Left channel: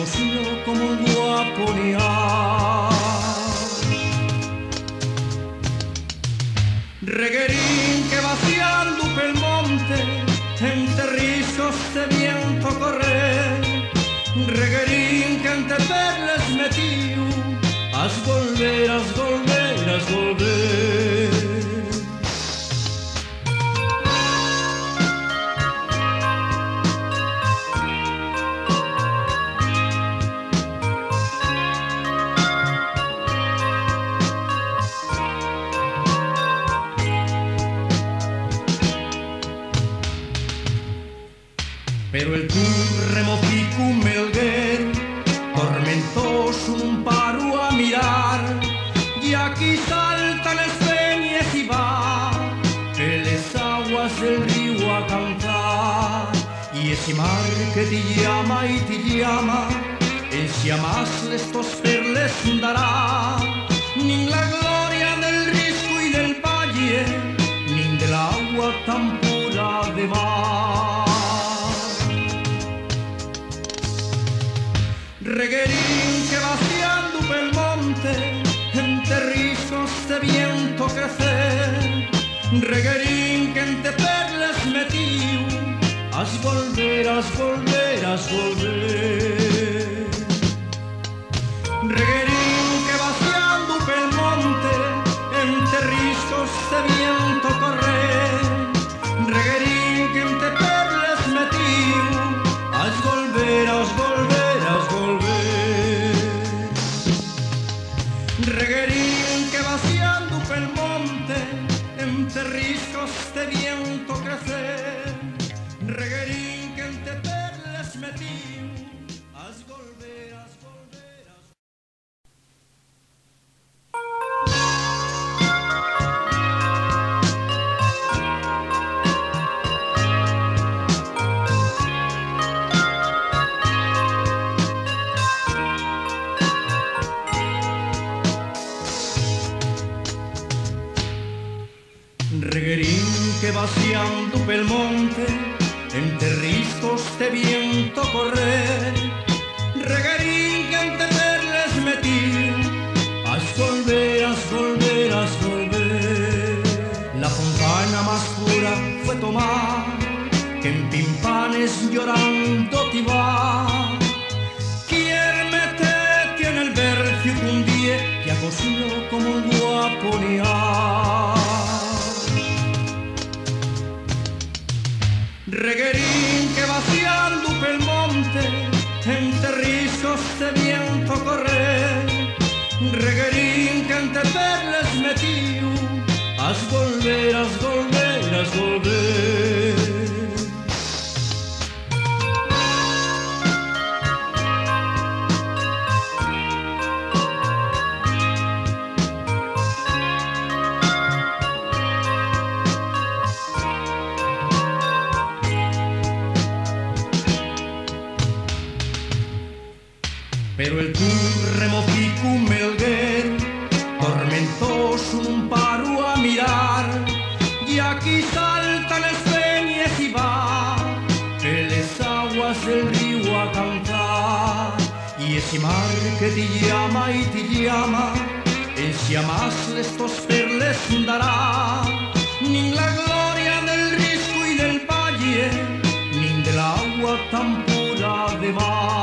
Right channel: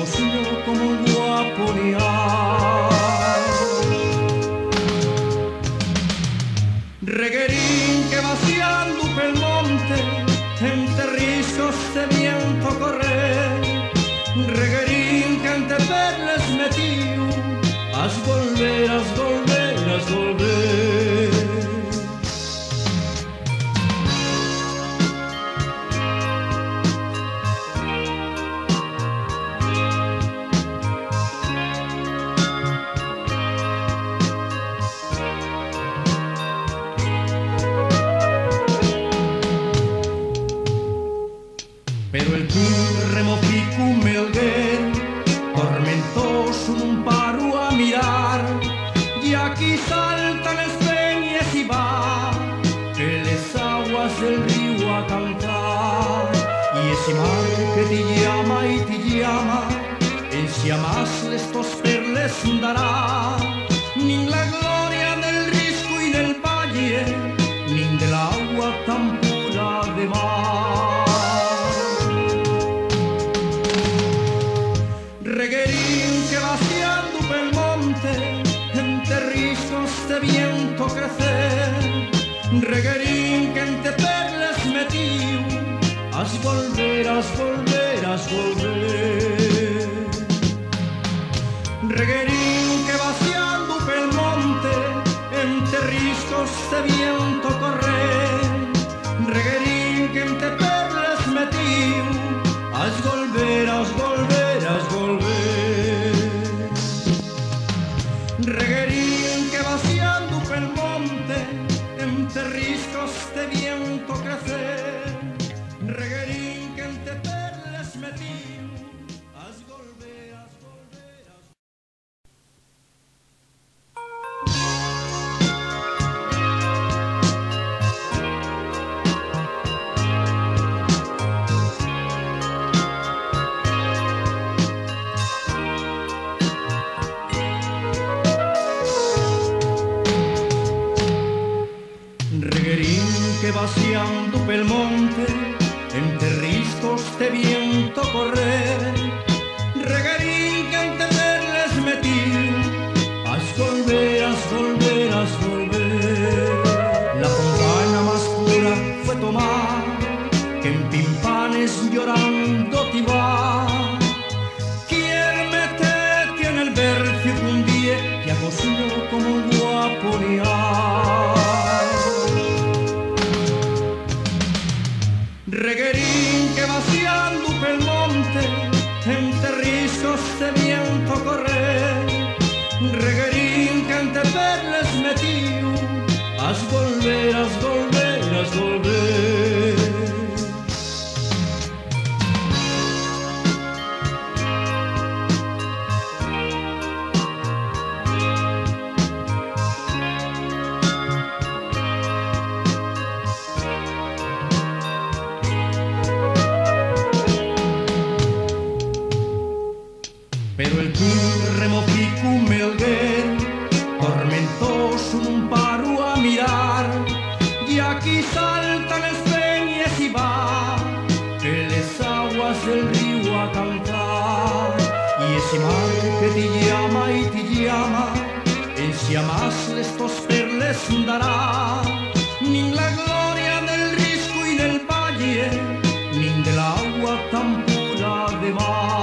cosido como un guaponial. Reguerín que vaciando pel monte, entre rizos de viento correr. Reguerín que ante perles metido, has volver, has volver, has volver. Pero el turremo ficu melguer, tormentoso un paro a mirar, y aquí saltan las peñas y va, que les aguas del río a cantar, y ese mar que te llama y te llama, en si amas estos perles dará, ni la gloria del risco y del valle, ni del agua tan pura de mar. Reguerín que vaciando pel monte, entre rizos de viento crecer. Reguerín que entre perlas metido, has volver, has volver, has volver. Reguerín que vaciando pel monte, entre rizos de viento correr. Reguerín que entre perlas metido, has volver, has volver, has volver. Reguerín que vaciando pel monte, entre riscos de viento crecer. Reguerín que entre perlas metido, has volver, has volver, has... Reguerín que vaciando pel monte, entre riscos de viento correr. Reguerín que entre perlas metido, has volver, has volver, has volver. La fontana más pura fue tomar, que en Pimpanes llorando te va. Quiere meterte en el vercio que un día te ha cosido como un guaponial. Reguerín que vaciando pel monte, entre rizos de viento correr. Reguerín que ante perlas metido, has volver, has volver, has volver. Pero el turremo ficu melguer, tormentoso un paro a mirar, y aquí saltan las peñas y va, que les aguas del río a cantar, y ese mar que te llama y te llama, en si amas estos perles dará, ni la gloria del risco y del valle, ni del agua tan pura de mar.